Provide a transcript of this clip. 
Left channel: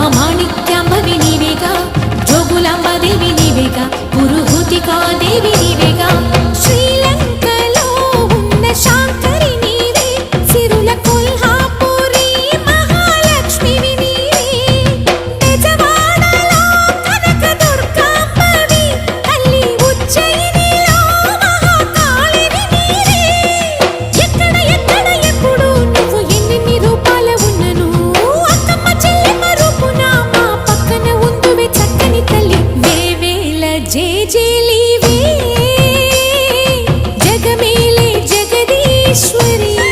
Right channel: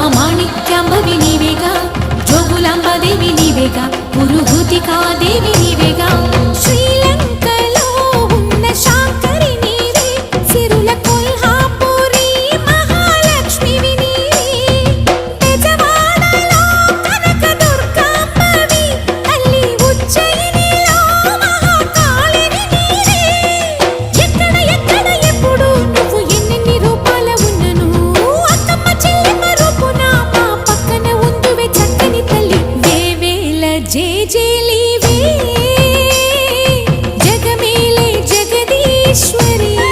మాణిక్యాంబవి నీవేగా, జోగులాంబాదేవి నీవేగా, పురుహూతికాదేవి నీవేగా. శ్రీలంకలో ఉన్న శాంకరి నీవే, సిరుల కొల్హాపురి మహాలక్ష్మివి నీవే. బెజవాడలో కనక దుర్గాంబవి, తల్లి ఉజ్జయినిలో మహాకాళిని నీవే. ఎక్కడ ఎక్కడ ఎప్పుడు నువ్వు ఎన్నెన్ని రూపాల ఉన్నను, అక్కమ్మ చెల్లెమ్మ రూపున మా పక్కన ఉందువే చక్కని తల్లి. వేవేల జేజేలివే, జగమేలే జగదీశ్వరి.